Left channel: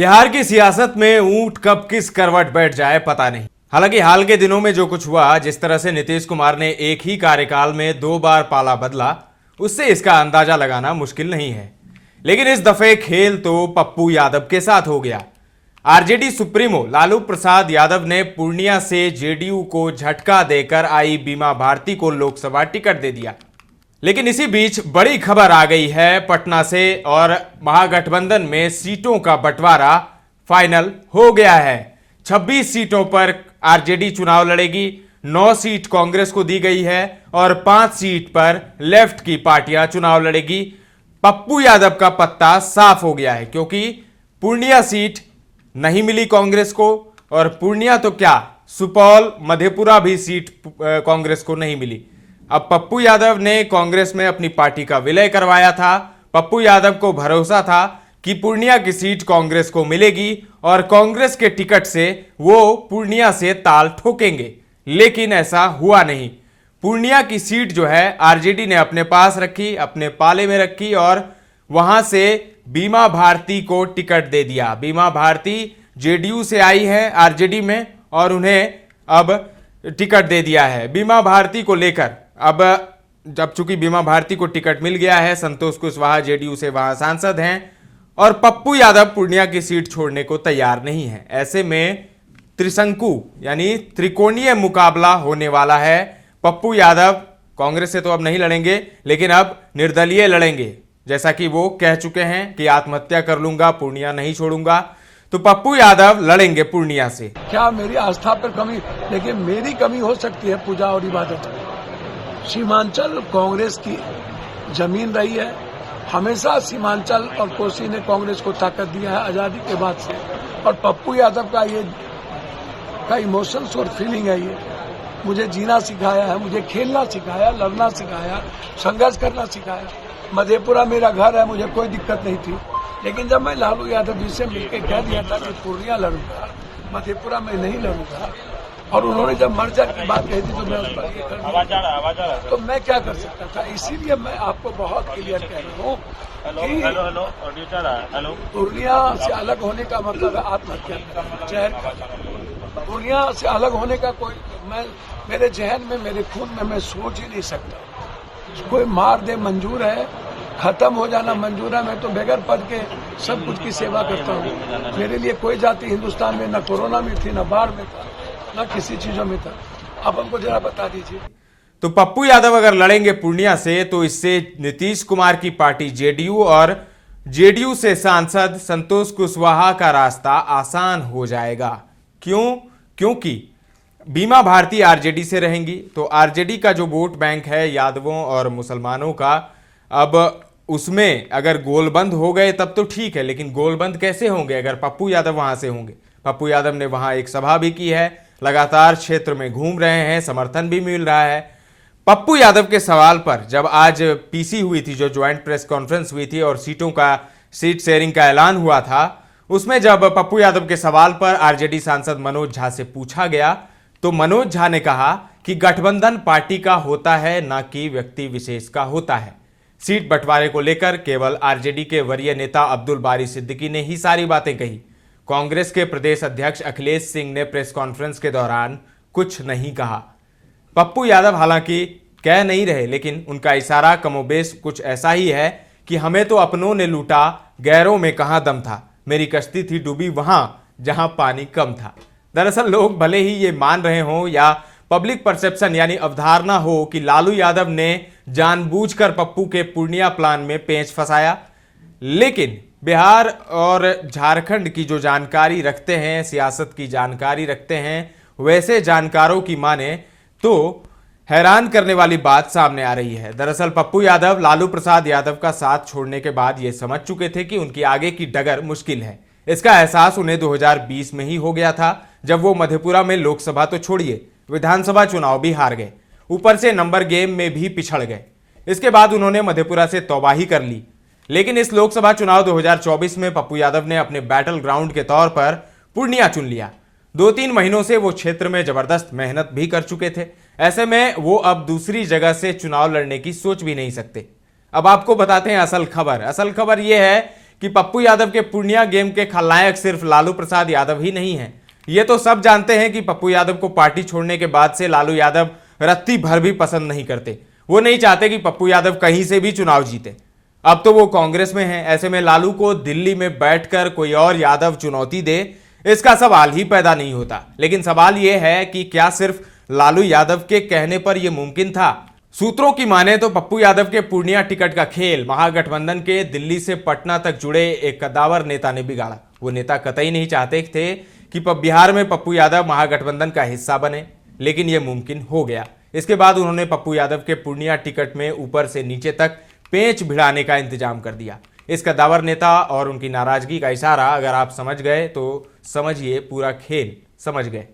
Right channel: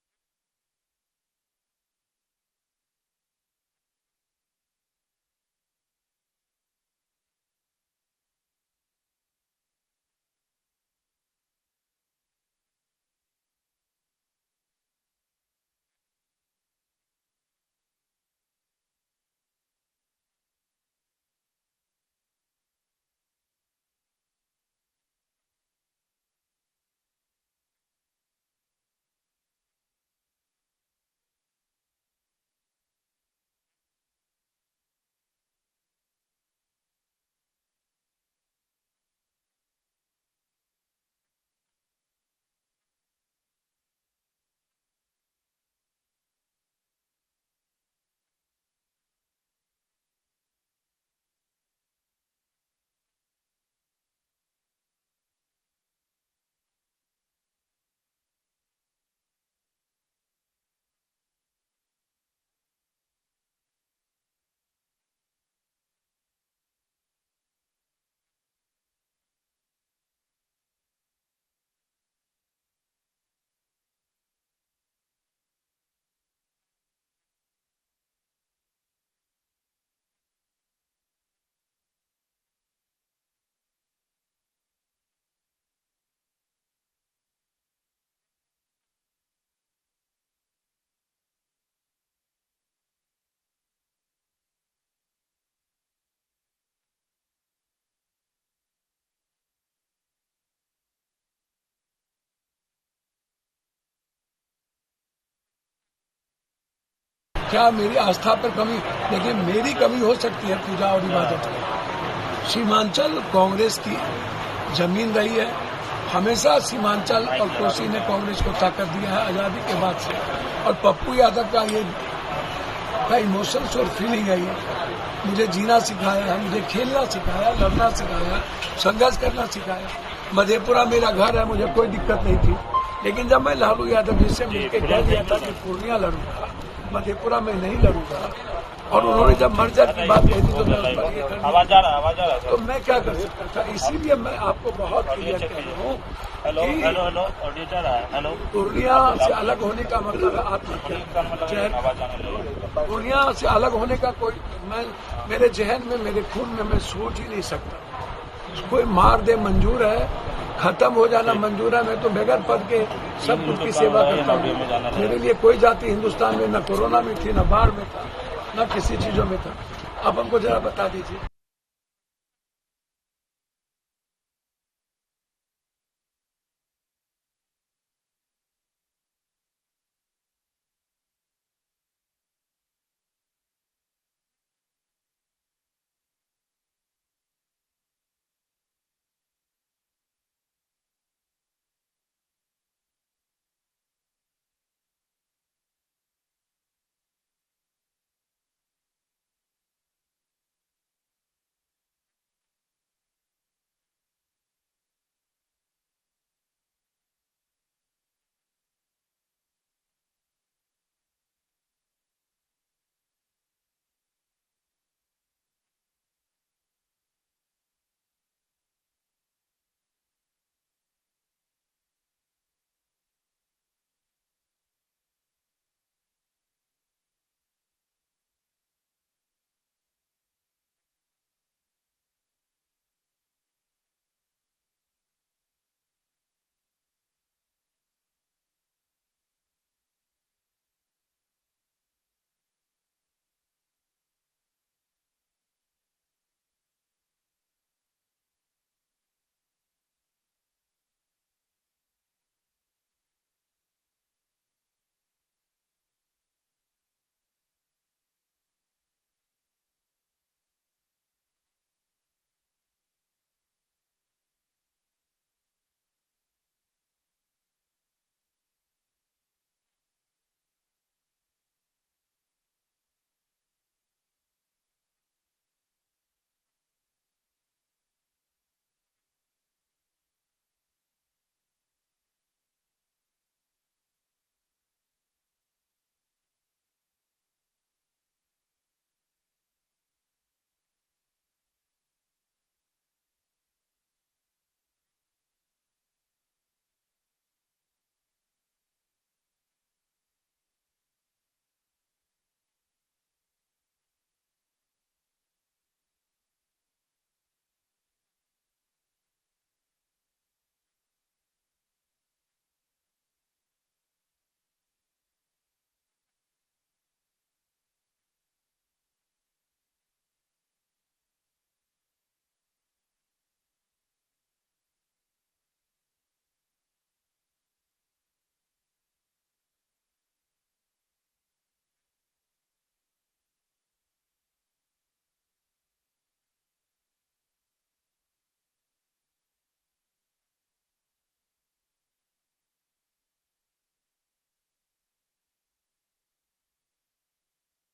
बिहार की सियासत में ऊंट कब किस करवट बैठ जाए पता नहीं। हालांकि हाल के दिनों में जो कुछ हुआ, जिस तरह से नीतीश कुमार ने एक ही कार्यकाल में 2 बार पाला बदला, उससे इसका अंदाजा लगाना मुश्किल नहीं है। लेकिन इस दफे खेल तो पप्पू यादव के साथ हो गया। आरजेडी सुप्रीमो लालू प्रसाद यादव ने पूर्णिया से जेडीयू को झटका देकर आई बीमा भारती को लोकसभा टिकट दे दिया। लेकिन इसी बीच बड़ी खबर आ गई है पटना से, और महागठबंधन में सीटों का बंटवारा फाइनल हो गया है। 26 सीटों पर आरजेडी चुनाव लड़ेगी, 9 सीट कांग्रेस को दी गई है और 5 सीट पर लेफ्ट की पार्टियां चुनाव लड़ेगी। पप्पू यादव का पत्ता साफ हो गया है, क्योंकि पूर्णिया सीट नहीं मिली कांग्रेस को, और पूर्णिया तो क्या, सुपौल मधेपुरा भी सीट कांग्रेस को नहीं मिली। अब पप्पू यादव ने कांग्रेस में अपनी पार्टी का विलय करवाया था। पप्पू यादव को भरोसा था कि पूर्णिया की सीट कांग्रेस को मिलेगी और कांग्रेस के टिकट से वो पूर्णिया से ताल ठोकेंगे, लेकिन ऐसा हुआ नहीं। पूर्णिया की सीट जो है आरजेडी ने अपने पास रखी, अपने पाले में रखी, और वहां से बीमा भारती को टिकट दे दिया। बीमा भारती जेडीयू से आई है आरजेडी में, और उन्हें अब टिकट दे दिया है। बीमा भारती को लेकर अब जब चूंकि बीमा भारती को टिकट मिल गया है, संतोष कुशवाहा जेडीयू से वहां सांसद हैं, और पप्पू यादव पूर्णिया की सीट छोड़ने को तैयार नहीं है। ऐसे में त्रिशंकु यानी त्रिकोणीय मुकाबला होने वाला है। पप्पू यादव कांग्रेस से तो अब नहीं लड़ेंगे, लेकिन अब निर्दलीय लड़ेंगे, जैसा कि वो कह चुके हैं कि आत्महत्या कर लूंगा, पूर्णिया नहीं छोड़ूंगा। तो पप्पू यादव लड़ेंगे पूर्णिया से। क्या मेरी आस्था पर कमी, लेकिन मेरी कमी हो सकती है पूजा और इबादत में। सीमांचल कांग्रेस की जमीन रही है, हमेशा सीमांचल और कोसी ने कांग्रेस को ताकत दिया है आजादी के बाद से। और पप्पू यादव का ये इमोशंस और फीलिंग है, ये मुझे जीना सिखाया है, मुझे खेलना सिखाया, लड़ना सिखाया, संघर्ष करना सिखाया। मधेपुरा मेरा घर है, मुझे कोई दिक्कत नहीं थी, लेकिन जब मैं लालू यादव जी से मिलकर कह दिया था कि पूर्णिया लड़ूंगा, मधेपुरा में नहीं लड़ूंगा, और उन्होंने जब मर्जर की बात कही थी तो मैं उस पर ये कर दिया, तो मैं क्या कर सकता था। इसीलिए मैं आपको बहुत क्लियर कह रहा हूँ कि पूर्णिया से अलग होने का मतलब है आत्महत्या करना। पूर्णिया से अलग होने का मेरे जहन में, मेरे खून में मैं सोच ही नहीं सकता। कोई मार दे मंजूर है, खत्म हो जाना मंजूर है। मैं तो बगैर पद के सब कुछ की सेवा करता हूँ। मेरे लिए कोई जाति हिंदुस्तान में न कोरोना में थी, न बाढ़ में था, न किसी चीजों में था। आप हमको जरा बता दीजिए। तो पप्पू यादव अगर लड़ेंगे पूर्णिया से, तो इससे नीतीश कुमार की पार्टी जेडीयू और जेडीयू से सांसद संतोष कुशवाहा का रास्ता आसान हो जाएगा। क्यों? क्योंकि बीमा भारती आरजेडी से रहेंगी, तो आरजेडी का जो वोट बैंक है यादवों और मुसलमानों का, अब उसमें अगर गोलबंद हो गए तब तो ठीक है, लेकिन गोलबंद कैसे होंगे अगर पप्पू यादव वहां से होंगे। पप्पू यादव ने वहां एक सभा भी की है, लगातार क्षेत्र में घूम रहे हैं, समर्थन भी मिल रहा है। पप्पू यादव के सवाल पर जब आज पीसी हुई थी, जो ज्वाइंट प्रेस कॉन्फ्रेंस हुई थी और सीट शेयरिंग का ऐलान हुआ था, उसमें जब पप्पू यादव के सवाल पर आरजेडी सांसद मनोज झा से पूछा गया, तो मनोज झा ने कहा कि गठबंधन पार्टी का होता है, ना कि व्यक्ति विशेष का होता है। सीट बंटवारे को लेकर केवल आरजेडी के वरीय नेता अब्दुल बारी सिद्दीकी ने ही सारी बातें कही। कांग्रेस के प्रदेश अध्यक्ष अखिलेश सिंह ने प्रेस कॉन्फ्रेंस के दौरान कुछ नहीं कहा। पप्पू यादव हालांकि कह नहीं रहे, लेकिन उनका इशारा कमोबेश कुछ ऐसा ही है कि हमें तो अपनों ने लूटा, गैरों में कहां दम था, मेरी कश्ती थी डूबी वहां जहां पानी कम था। दरअसल लोग भले ही ये मान रहे हों या पब्लिक परसेप्शन यानी अवधारणा हो कि लालू यादव ने जानबूझकर पप्पू के पूर्णिया प्लान में पेंच फंसाया, लेकिन बिहार और झारखंड की जो जानकारी रखते हैं, सियासत की जानकारी रखते हैं, वैसे जानकारों की माने तो हैरान करने वाली बात सामने आ रही है। दरअसल पप्पू यादव लालू प्रसाद यादव का साथ छोड़ने के बाद ये समझ चुके थे कि उनकी आगे की डगर मुश्किल है। इसका एहसास उन्हें 2020 में ही हो गया था, जब वो मधेपुरा में लोकसभा तो छोड़िए, विधानसभा चुनाव भी हार गए, ऊपर से नंबर गेम में भी पिछड़ गए। इसके बाद उन्होंने मधेपुरा से तौबाही कर ली। लेकिन इस लोकसभा चुनाव 2024 में पप्पू यादव ने अपने बैटल ग्राउंड के तौर पर पूर्णिया चुन लिया। 2-3 महीनों से वो क्षेत्र में जबरदस्त मेहनत भी कर चुके थे। ऐसे में वो अब दूसरी जगह से चुनाव लड़ने की सोच भी नहीं सकते। अब आपको बताते हैं असल खबर। असल खबर यह है कि पप्पू यादव के पूर्णिया गेम के खलनायक सिर्फ लालू प्रसाद यादव ही नहीं है। ये तो सब जानते हैं कि पप्पू यादव को पार्टी छोड़ने के बाद से लालू यादव रत्ती भर भी पसंद नहीं करते। वो नहीं चाहते कि पप्पू यादव कहीं से भी चुनाव जीते। अब तो वो कांग्रेस में है, ऐसे में लालू को दिल्ली में बैठकर कोई और यादव चुनौती दे, इसका सवाल ही पैदा नहीं होता। लेकिन सवाल यह है कि क्या सिर्फ लालू यादव के कहने पर यह मुमकिन था? सूत्रों की माने तो पप्पू यादव के पूर्णिया टिकट का खेल महागठबंधन के दिल्ली से पटना तक जुड़े एक कद्दावर नेता ने बिगाड़ा। वो नेता कतई नहीं चाहते थे कि बिहार में पप्पू यादव महागठबंधन का हिस्सा बने, लेकिन यह मुमकिन हो गया। इसके बाद उन्होंने पप्पू यादव के पूर्णिया टिकट में ऊपर से नीचे तक पेंच भिड़ाने का इंतजाम कर दिया। इस कद्दावर नेता और उनकी नाराजगी का इशारा अगर आप समझ गए तो समझिए पूरा खेल समझ गए।